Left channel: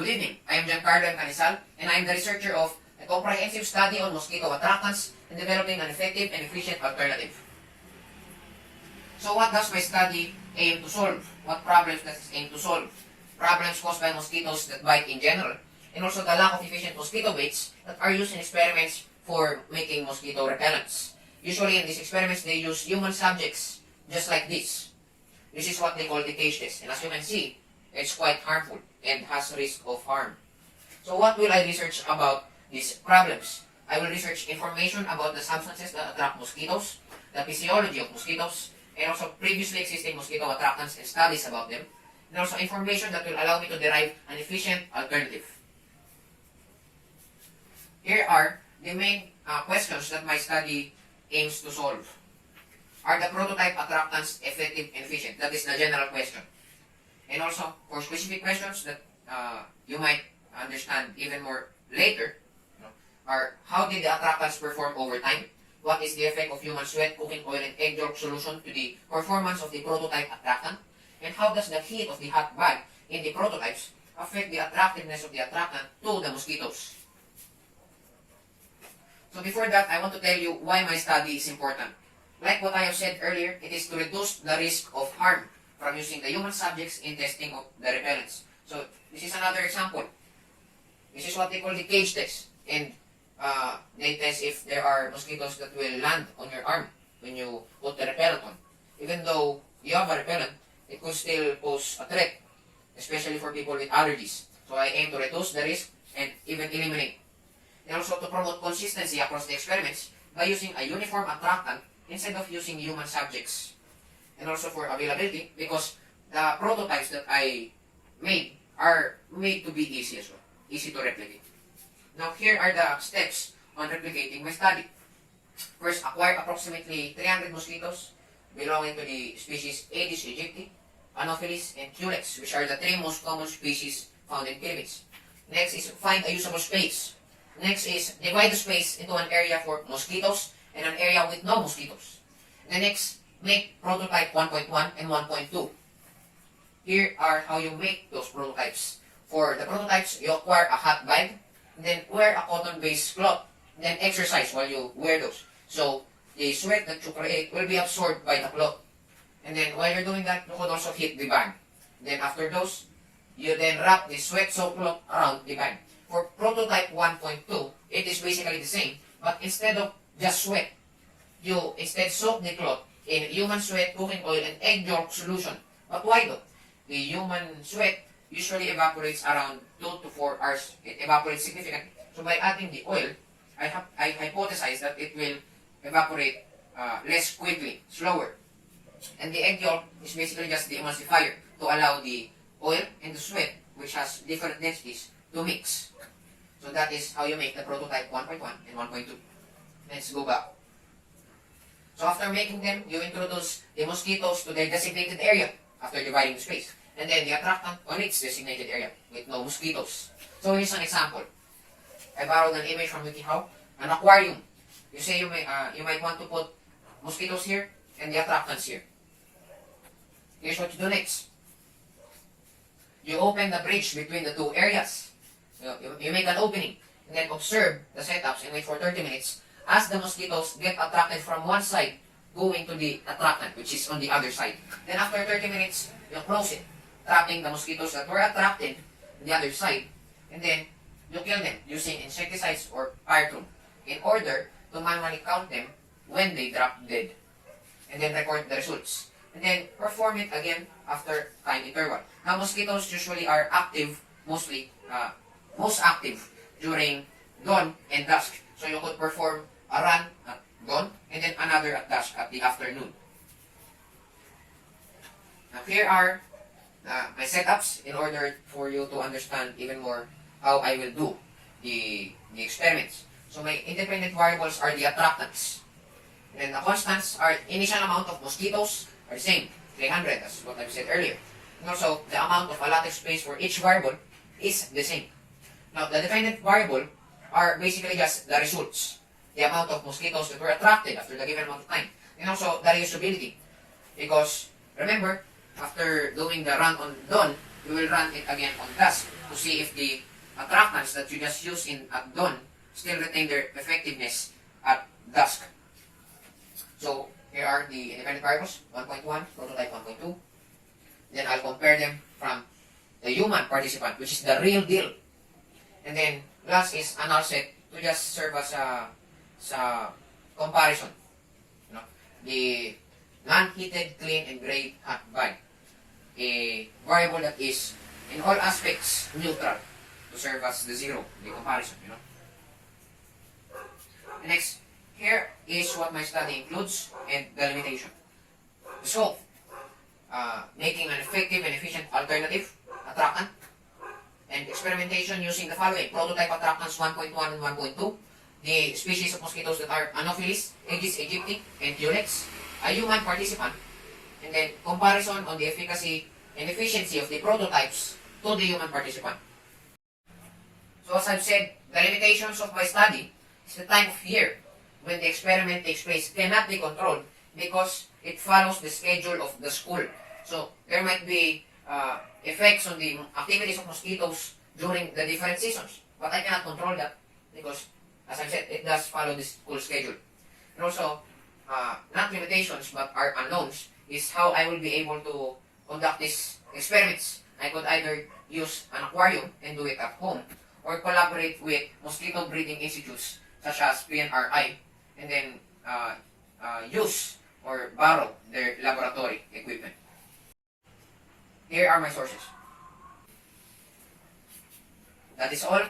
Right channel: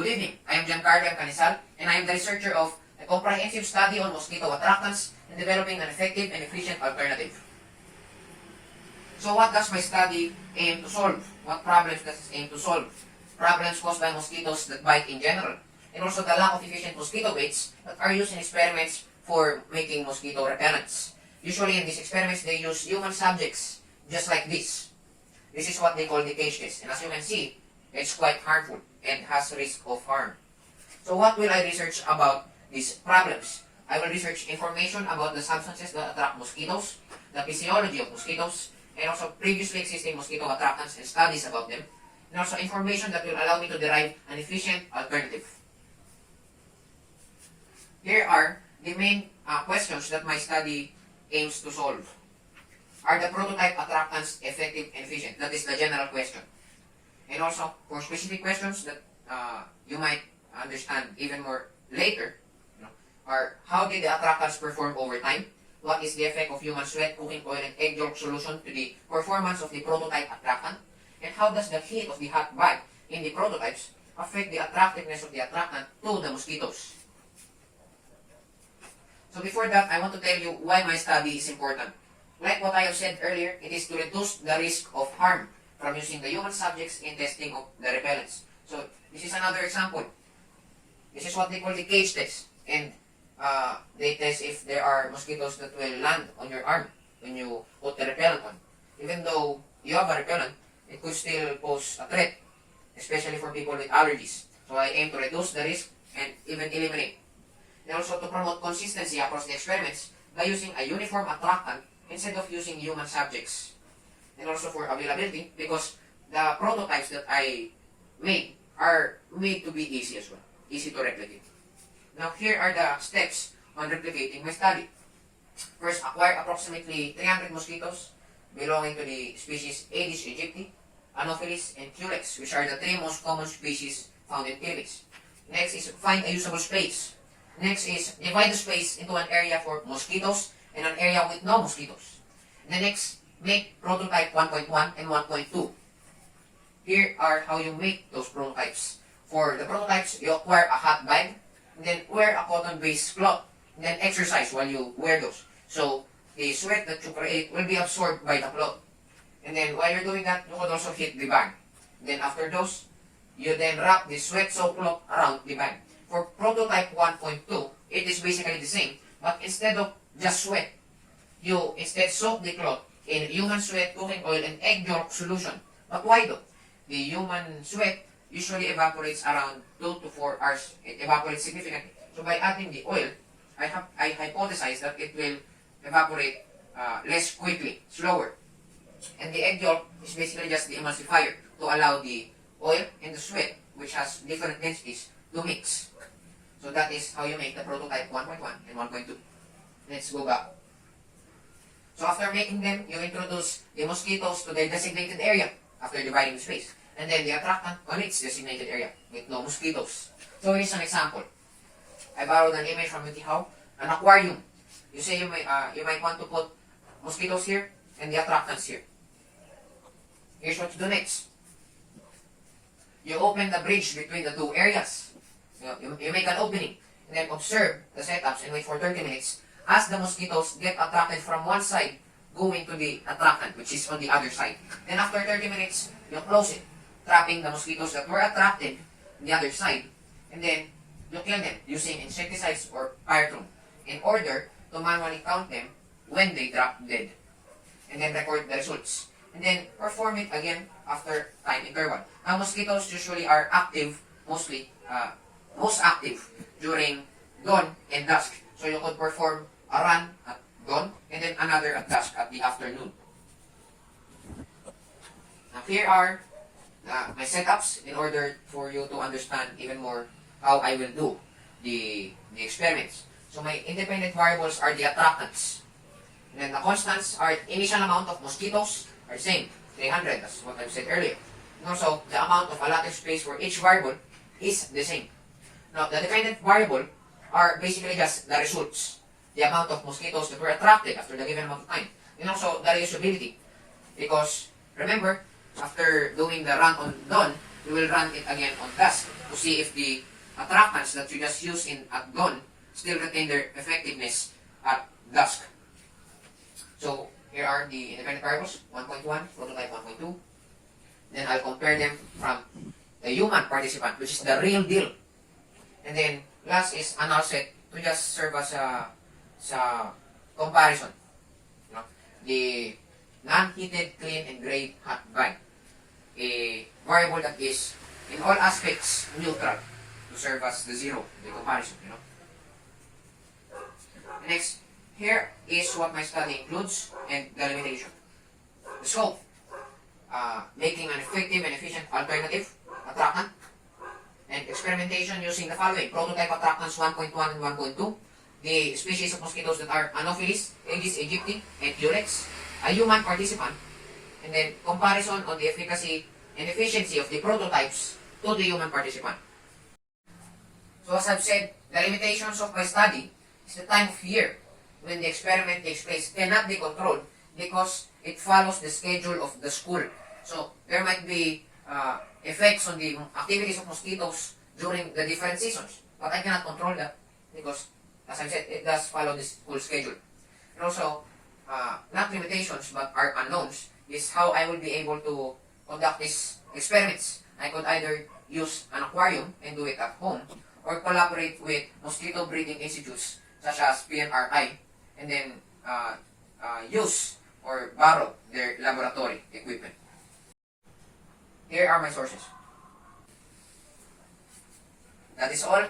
Good evening. I am Giancarlo M. Canisal, and I am the researcher of a comprehensive study on mosquito attractants and developing an effective and efficient alternative. So what does my study aim to solve? What problems does it aim to solve? Problems caused by mosquitoes that bite in general, and also the lack of efficient mosquito baits that are used in experiments for making mosquito repellents. Usually in these experiments, they use human subjects, just like this. This is what they call the cage test, and as you can see, it's quite harmful and has risk of harm. So what will I research about these problems? I will research information about the substances that attract mosquitoes, the physiology of mosquitoes, and also previously existing mosquito attractants and studies about them, and also information that will allow me to derive an efficient alternative. Here are the main questions that my study aims to solve. Are the prototype attractants effective and efficient? That is the general question. And also, for specific questions that you might understand even more later, are how did the attractants perform over time? What is the effect of human sweat, cooking oil, and egg yolk solution to the performance of the prototype attractant? And how does the heat of the hot bath in the prototypes affect the attractiveness of the attractant to the mosquitoes? So before that, I want to tell you why my study is important. Like what I have said earlier, it is to reduce the risk of harm from using the human subjects in testing of the repellents. So this is another example. This is what they call the cage test. And they test if there are mosquitoes that will land on your arm when you put the repellent on. Even though you have a repellent, it could still pose a threat, especially for people with allergies. So I aim to reduce the risk and even eliminate. And also to promote consistency across the experiments by using a uniform attractant instead of using human subjects. And also for availability, because the prototypes that I made are made to be easy as well, easy to replicate. Now here are the steps on replicating my study. First, acquire approximately 300 mosquitoes belonging to the species Aedes aegypti, Anopheles, and Culex, which are the three most common species found in Philippines. Next is find a usable space. Next is divide the space into an area for mosquitoes and an area with no mosquitoes. And the next, make prototype 1.1 and 1.2. Here are how you make those prototypes. For the prototypes, you acquire a hot bag, and then wear a cotton-based cloth, and then exercise while you wear those. So the sweat that you create will be absorbed by the cloth. And then while you're doing that, you could also heat the bag. Then after those, you then wrap the sweat-soaked cloth around the bag. For prototype 1.2, it is basically the same, but instead of just sweat, you instead soak the cloth in human sweat, cooking oil, and egg yolk solution. But why though? The human sweat usually evaporates around 2 to 4 hours. It evaporates significantly. So by adding the oil, I hypothesize that it will evaporate less quickly, slower. And the egg yolk is basically just the emulsifier to allow the oil and the sweat, which has different densities, to mix. So that is how you make the prototype 1.1 and 1.2. Let's go back. So after making them, you introduce the mosquitoes to their designated area after dividing the space. And then the attractant on its designated area with no mosquitoes. So here's an example. I borrowed an image from WikiHow, an aquarium. You say you might want to put mosquitoes here and the attractants here. Here's what you do next. You open the bridge between the two areas. You make an opening and then observe the setups and wait for 30 minutes as the mosquitoes get attracted from one side going to the attractant, which is on the other side. Then after 30 minutes, you close it, trapping the mosquitoes that were attracted on the other side, and then you kill them using insecticides or pyretrum in order to manually count them when they drop dead, and then record the results. And then perform it again after time interval. Now mosquitoes usually are active, most active during dawn and dusk. So you could perform a run at dawn and then another at dusk at the afternoon. Now here are my setups in order for you to understand even more how I will do the experiments. So my independent variables are the attractants. And then the constants are initial amount of mosquitoes are the same, 300, that's what I've said earlier. And also the amount of allotted space for each variable is the same. Now the dependent variable are basically just the results. The amount of mosquitoes that were attracted after the given amount of time. And also the reusability. Because remember, after doing the run on dawn, you will run it again on dusk to see if the attractants that you just used at dawn still retain their effectiveness at dusk. So here are the independent variables, 1.1, prototype 1.2. Then I'll compare them from the human participant, which is the real deal. And then last is a null set to just serve as a comparison. You know, the non-heated, clean, and gray hot bag. A variable that is in all aspects neutral to serve as the zero, the comparison, you know. Next, here is what my study includes and the limitation. The scope, making an effective and efficient alternative attractant, and experimentation using the following: prototype attractants 1.1 and 1.2, the species of mosquitoes that are Anopheles, Aedes aegypti, and Culex, a human participant, and then comparison on the efficacy and efficiency of the prototypes to the human participant. So as I've said, the limitations of my study is the time of year when the experiment takes place cannot be controlled because it follows the schedule of the school. So there might be effects on the activities of mosquitoes during the different seasons, but I cannot control that because, as I said, it does follow the school schedule. And also, not limitations but are unknowns is how I will be able to conduct these experiments. I could either use an aquarium and do it at home, or collaborate with mosquito breeding institutes such as PNRI, and then use or borrow their laboratory equipment. Here are my sources. That is all.